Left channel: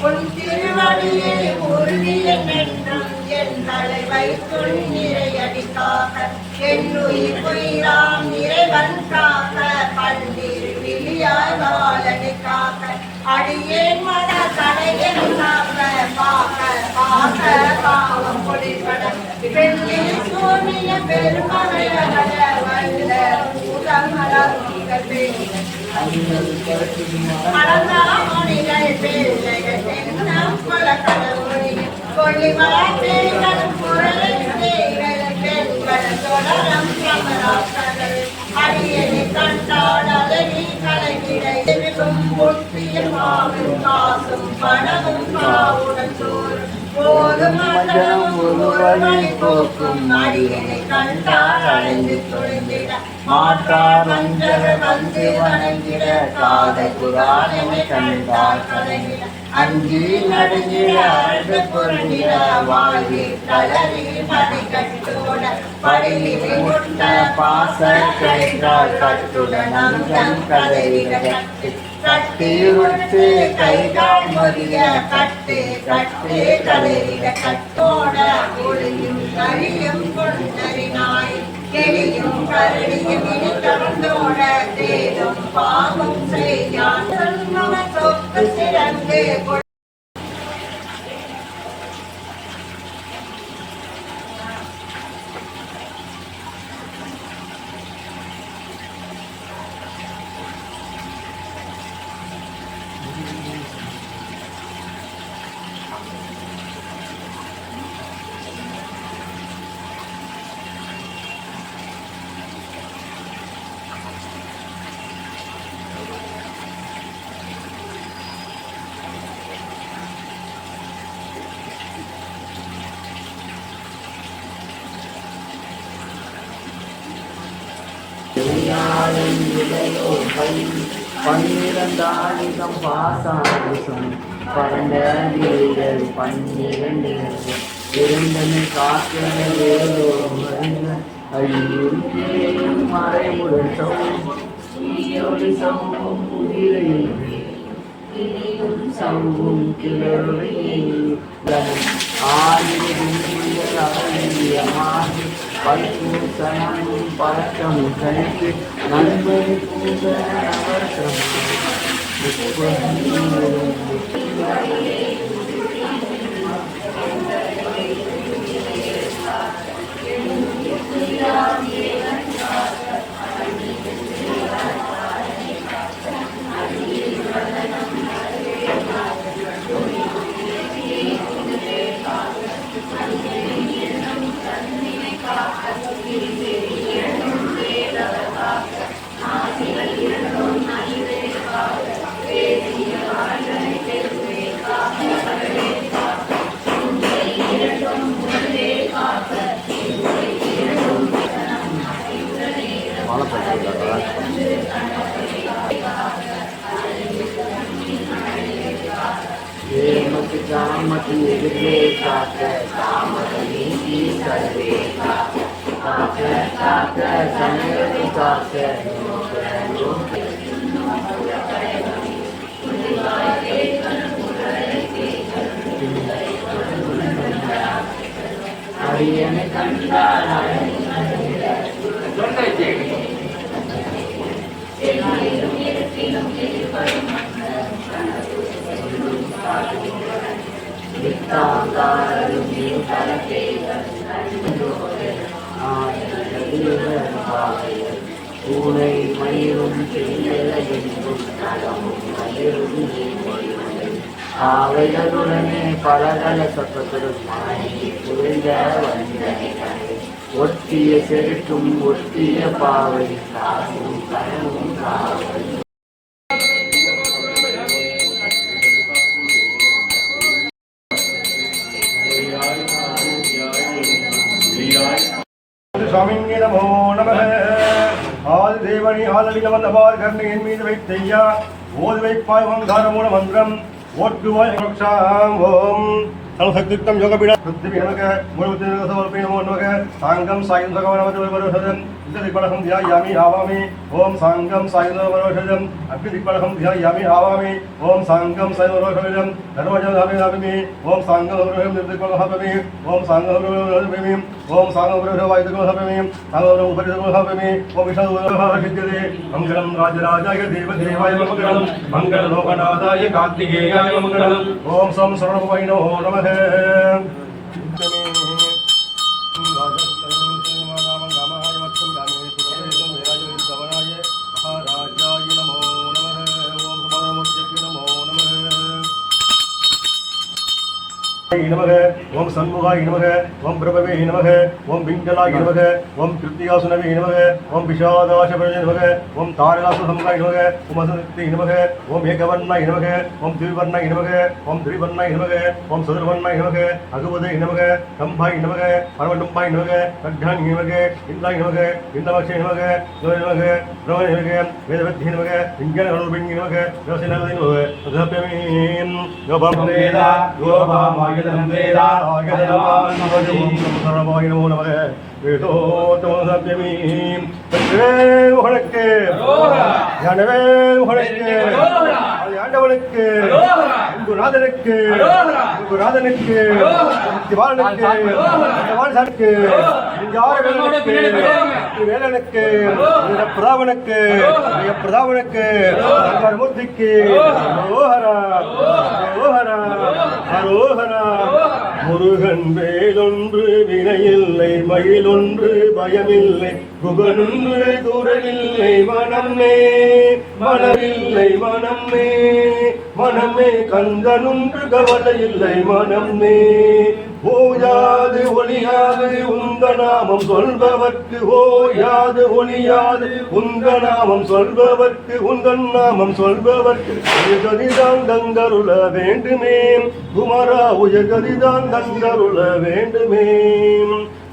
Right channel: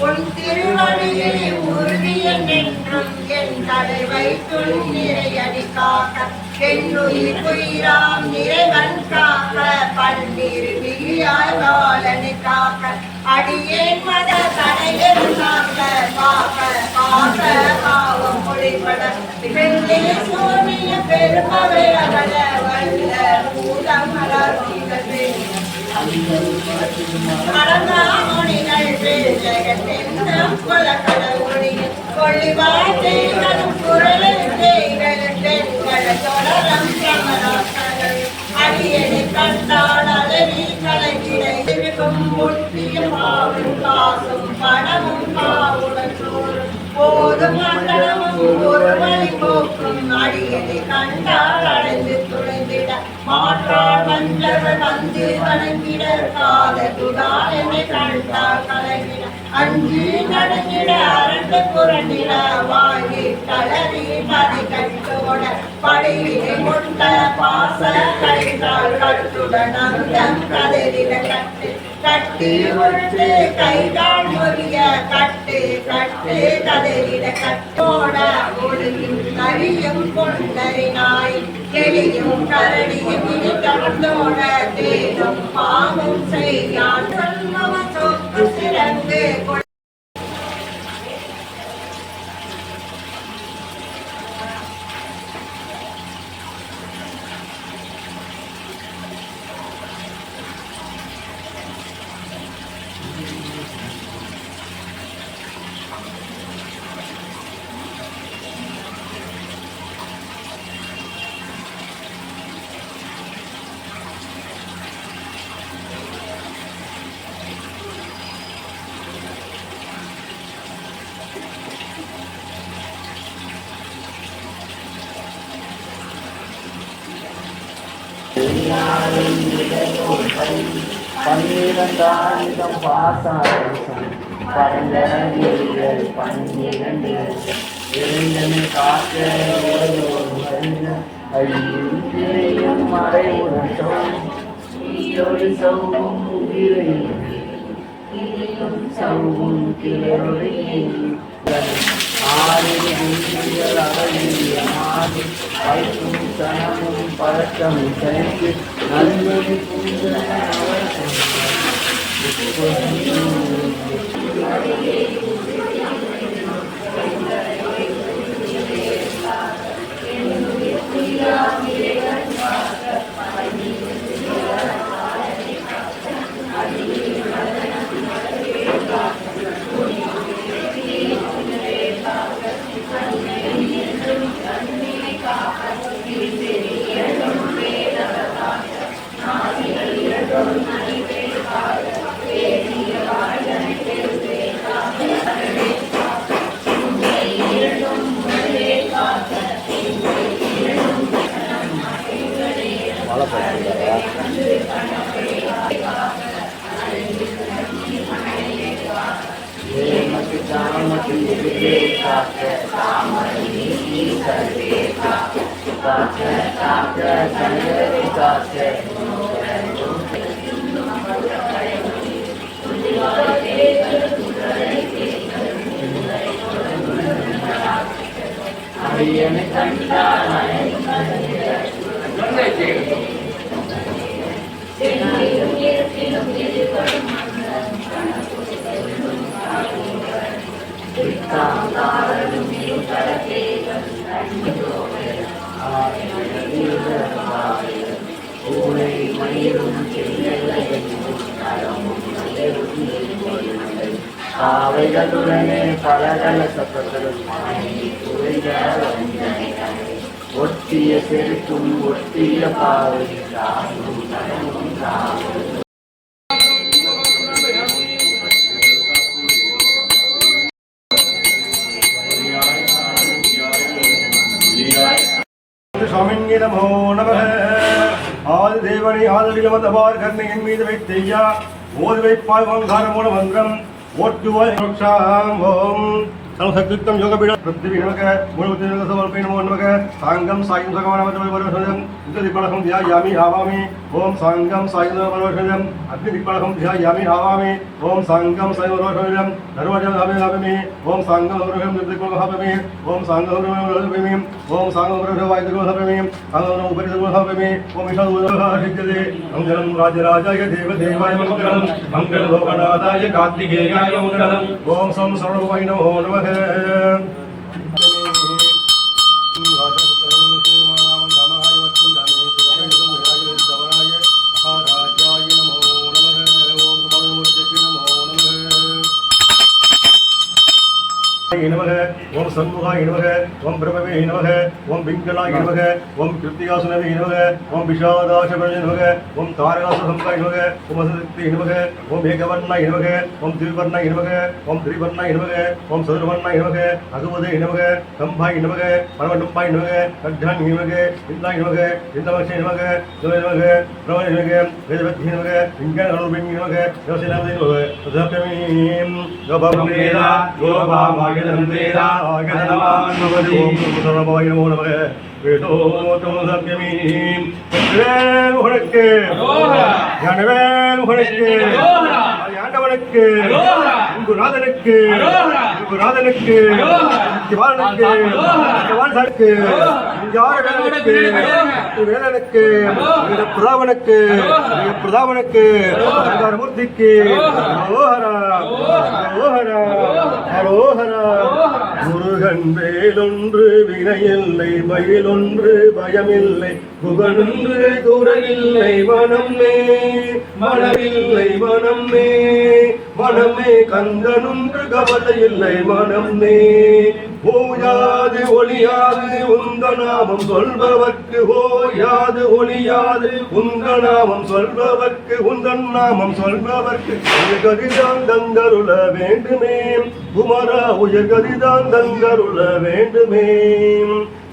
உன் திருவடியை உறுதிய நின்றும் என் தலை வைத்துள் இறையடி காக்க என்னுயிர் உயிராம் இறைவன் காக்க பன்னீர் விழியாய் வாழனை காக்க அடியேன் மத தடையில் காக்க காக்க காக்க பாவம் பொழிபட வெள்ளி சோனிய பெருமவை அகல வல்ல உலமலர் மலர்ந்தாமொழிகள் ஜெகத்தென்னம் கொல கடவுளி கொள்ளிவாழ்கள் குரலைகள் பெண்கள் தொடரம் கமலாசனங்கள் அடியனை கண்டால் அழகி கலகிடும் ஒட்டிய பாவும் காசும் பணமும் பாவுடன் சோறும் போதும் அகலமும் ஒரு மணி போக்கும் அடியனை கண்டால் அடைந்து துளைந்திட மாற்றால் வந்தவர் வந்து வணங்கிட காதகுரால் என்னை கண்டால் கலகிட அஞ்சி நடுங்கிட அரண்டு புரண்டிட வாங்கி கலறி மதி கட்டோட படியினை கொண்ட பாச கழித்தால் கட்டுடன் அந்தம் கதறிட கட்டு கட்டி ஒற்று கை கால் மொழிய கட்டு கட்டு கதறிட கட்டோட ஒழுங்கும் நரியும் கொண்டறினாய் எளியும் கரடியும் இனி கவர்ந்தோட தேடும் பாமும் செய்யான் சொக்கு சிறந்து பன்னிரண்டாயிரம் பாசம் கடந்த வீரர்கள் 12 இருந்தனை காக்க அழியும் கிளையும் மறைவுடன் சௌவும் சௌவும் கிளறியில் வைக்கும் கனமும் பழக்கம் தனக்கு நண்பது जामती विदे काके कामनी की सर्वे काके काके संगे काके हरिये में कंटा பூனை மயிரும் காவைகளுடனே பலகல சத்தத்துடன் ஒட்டிய செருக்கும் ஒட்டிய பாவை நமோ நமः. ஆதிதேவனை ஆதரிக வந்தபார் கர்ணையின் மீது வைத்தையா ஓதி வைப்பாய் ஓங்கார மூல மந்திரம் ஓட்டுவாய் ஓம் சக்தியுக்தம் யோகபீட பிருத்திவி நமக மூலவத்தின் சமர்ப்பண நமோ நமக. சாங்கம் சாயம் சகவானமதம் திக்பலகம் தியாயாமி ஆவாமி. ஓம் சாங்கம் சாயம் சகவானமதம் அக்னி திக்பலகம் தியாயாமி ஆவாமி. ஓம் சாங்கம் சாயம் சகவானமதம் சர்வஜாமி. ஓம் சாங்கம் சகவானமதம் திக்பலகம். ஓம் சாங்கம் சகவானமதம். ஓம் சாங்கம் சகவானமதம் சாங்கம் உபரிதம். ஓம் விஷ்ணுதே மங்களம் ராஜராஜாய தேவதேவாய மங்களம் மங்கள லோகநாதாய கார்த்திகேயாய மங்களம். ஓம் சம் சரவணபவாய நமோ நமः. ஓம் சண்முகாய நமக. ஓம் பிரபவே நமக. ஓம் பிங்களாய நமக. ஓம் கிருத்தியாசுனவே நமக. ஓம் விஷாதாசபவே நமக. ஓம் தாரகாசுரசம்காய நமக. ஓம் அசக்தி நமக. ஓம் ஏகவர்ணாய நமக. ஓம் திரிவர்ணாய நமக. ஓம் திரிவர்ணாய நமக. ஓம் சதுர்வர்ணாய நமக. அகுவதே நமக. கம்பாய நமக. பரமடும்பாய நமக. கட்டானி நமக. இந்தாய நமக. இந்தவக்ஷே நமக. ஜோய நமக. ரோய நமக. வேதவத்தி நமக. விஞ்ஞானரூபிணி நமக. யோசனமதி நமக. சதப்யமீம் யோபம் வேதா யோபாமாய வேதா ஆகதமானவதி சர்வமாய நமோ நமக. வேதோத்தமசப்யமீம் உனக்கு ஞானவே உனக்கு ஆண்டவனுக்கு குருநாதனுக்கு குருநாதனுக்கு சிவானுக்கு சிவானுக்கு யாரகனுக்கு வேலனுக்கு பிரதாவனுக்கு பிரதாவனுக்கு மூர்த்திக்கு ஹரோஹரா ஹரோஹரா ஹரோஹரா. முருகன் வேலொன்று வினையில்லை மயிலொன்று பயமில்லை குகனொன்று குரலில்லை மனமே மனமில்லை மனமே மனமே கந்தனொன்று கவலையில்லை மனமே. ஓயாது ஒளியாது உந்த நாமம் சொல்பவர்க்கு ஓயாது ஒளியாது உந்த நாமம் சொல்பவர்க்கு உந்தன் நாமம் சொல்பவர்க்கு உயர்கதிதான் தந்தருள வேண்டுமே குமரா உயர்கதிதான் தந்தருள வேண்டுமே.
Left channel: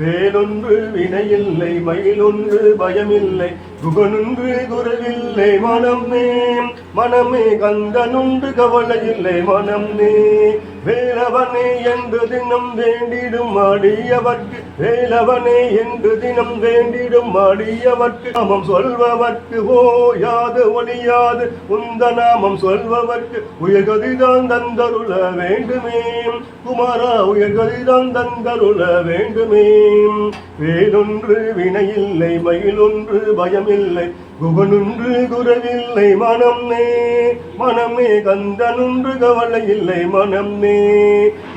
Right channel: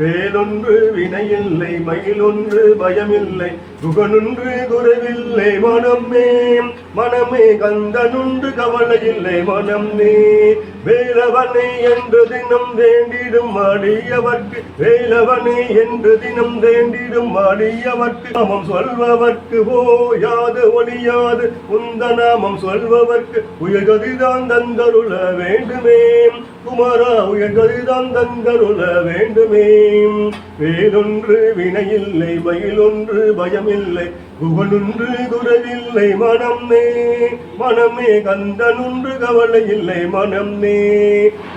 வேலொன்று வினையில்லை மயிலொன்று பயமில்லை குகனொன்று குறைவில்லை மனமே மனமே கந்தனொன்று கவலையில்லை மனமே. வேலவனை என்று தினம் வேண்டிடும் அடியவர்க்கு வேலவனை என்று தினம் வேண்டிடும் அடியவர்க்கு நாமம் சொல்பவர்க்கு ஓயாது ஒளியாது உந்த நாமம் சொல்பவர்க்கு உயர்கதிதான் தந்தருள வேண்டுமே குமாரா உயர்கதிதான் தந்தருள வேண்டுமே. வேலொன்று வினையில்லை மயிலொன்று பயமில்லை குகனொன்று குறைவில்லை மனமே மனமே கந்தனொன்று கவலையில்லை மனமே.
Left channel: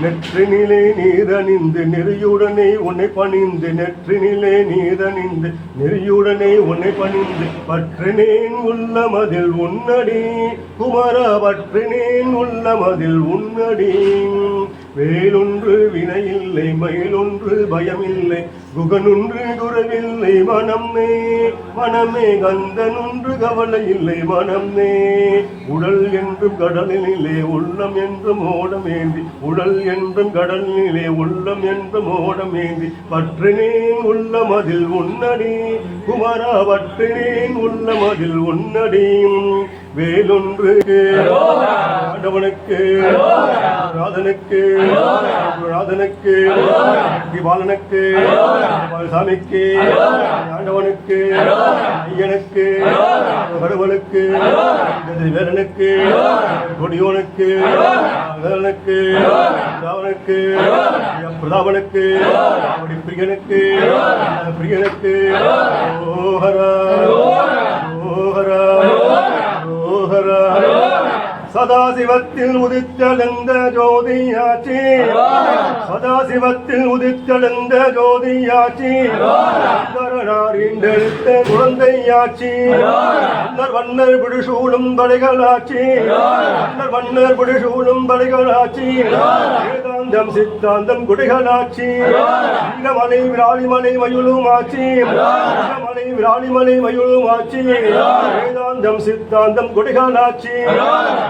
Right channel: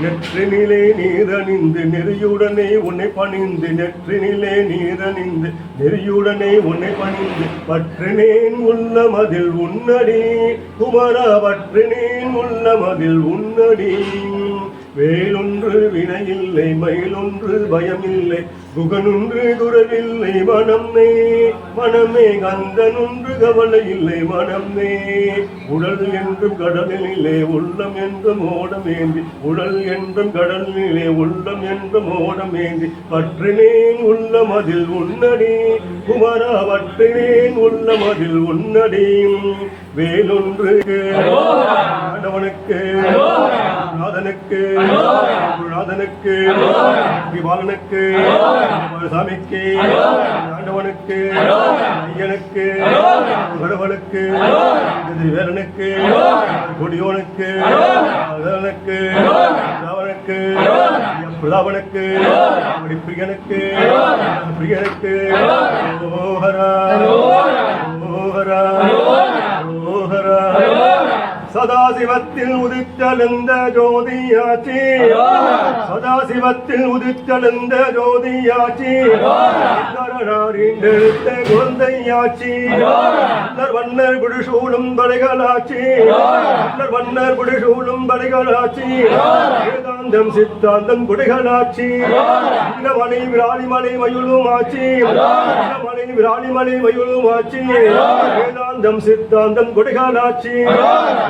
நெற்றினிலே நீரணிந்து நெறியுடனே உன்னை பணிந்து நெற்றினிலே நீரணிந்து நெறியுடனே உன்னை பணிந்து பற்றினேன் உள்ளமதில் உன்னடி குமரா பற்றினேன் உள்ளமதில் உன்னடி. வேலொன்று வினையில்லை மயிலொன்று பயமில்லை குகனொன்று குறைவில்லை மனமே மனமே கந்தனொன்று கவலையில்லை மனமே. உடல் என்றும் கடலிலே உள்ளம் என்றும் ஓடமேந்தி உடல் என்றும் கடலிலே உள்ளம் என்றும் ஓடமேந்தி பற்றினேன் உள்ளமதில் உன்னடி குமரா பற்றினேன் உள்ளமதில் உன்னடி. வேலொன்று ஆண்டவனுக்கு நாதனுக்கு நாதனுக்கு பாலனுக்கு சாமிக்கு ஆண்டவனுக்கு ஐயனுக்கு கடவுளுக்கு வேலனுக்கு கொடியோனுக்கு வேலனுக்கு ராவனுக்கு பிரதாபனுக்கு பிரியனுக்கு பிரியனுக்கு ஓஹரா ஓஹரா ஓஹரா. சதாசிவத்தில் உதித்தெழுந்த ஜோதியாச்சி சதாசிவத்தில் உதித்தெழுந்த ஜோதியாச்சி எடுத்த குழந்தையாச்சி வண்ணர் பிடிசூடும் படைகளாச்சி வண்ணர் பிடிசூடும் படைகளாச்சி வேதாந்தம் சித்தாந்தம் குடிகளாச்சி மலை விராலிமலை மயுளும் ஆச்சி மலை விராலிமலை மயூரும் ஆட்சி வேதாந்தம் சித்தாந்தம் கொடிகாலாட்சி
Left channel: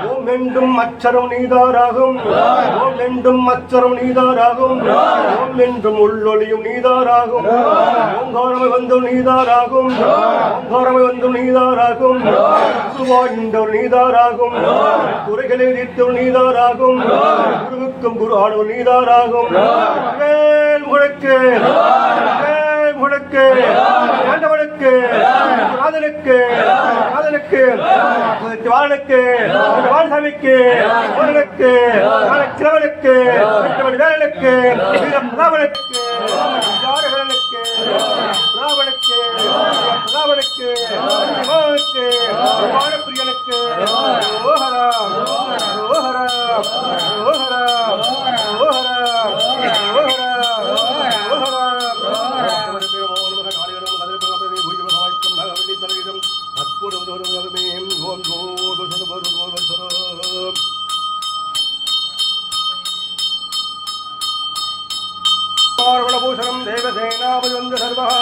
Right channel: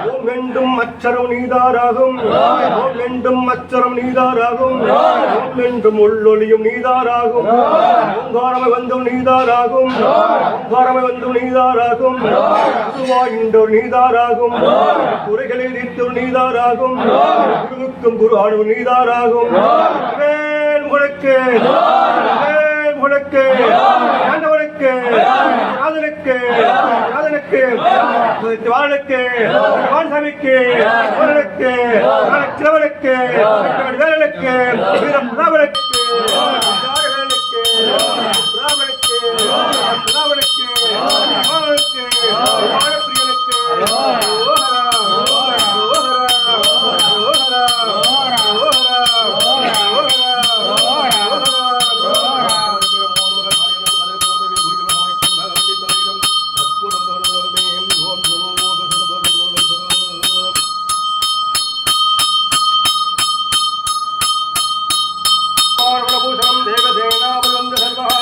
ஓம் என்றும் அச்சரம் நீதாராகும் ஓம் என்றும் அச்சரம் நீதாராகும் ஓம் என்றும் உள்ளொளியும் நீதாராகும் ஓங்காரமை வந்தும் நீதாராகும் ஓங்காரமை வந்தும் நீதாராகும் குருவாயின்றோர் நீதாராகும் குறைகளை தீர்த்தோர் நீதாராகும் குருவுக்கும் குரு ஆனவர் நீதாராகும் முழக்கு முழக்கு ஆண்டவனுக்கு காதலுக்கு காதலுக்கு வாழனுக்கு வான்சாமிக்கு உடலுக்கு கிழவனுக்கு வேலனுக்கு ராவனுக்கு ராவனுக்கு ராவனுக்கு ராவனுக்கு ராவனுக்கு ராவணப்பிரியனுக்கு ஓஹரா ஓஹரா ஓஹரா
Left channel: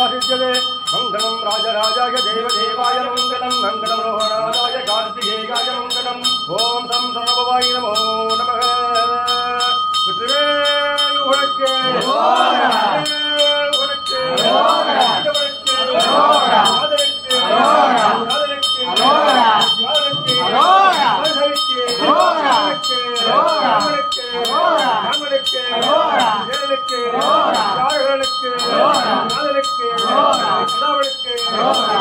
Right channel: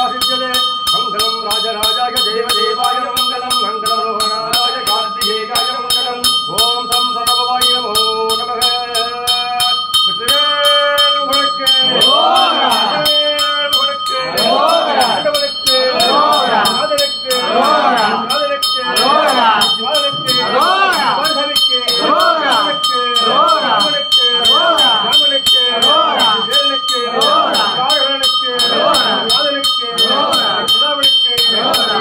मंगलम राजराजाय देवदेवाय मंगलम मंगलम रोहणाय कार्तिकेयाय मंगलम ओम सं सर्वभवाय नमो नमः उड़के उड़के उड़के आदरके आदरके आदरके आदरके ஆண்டவனுக்கு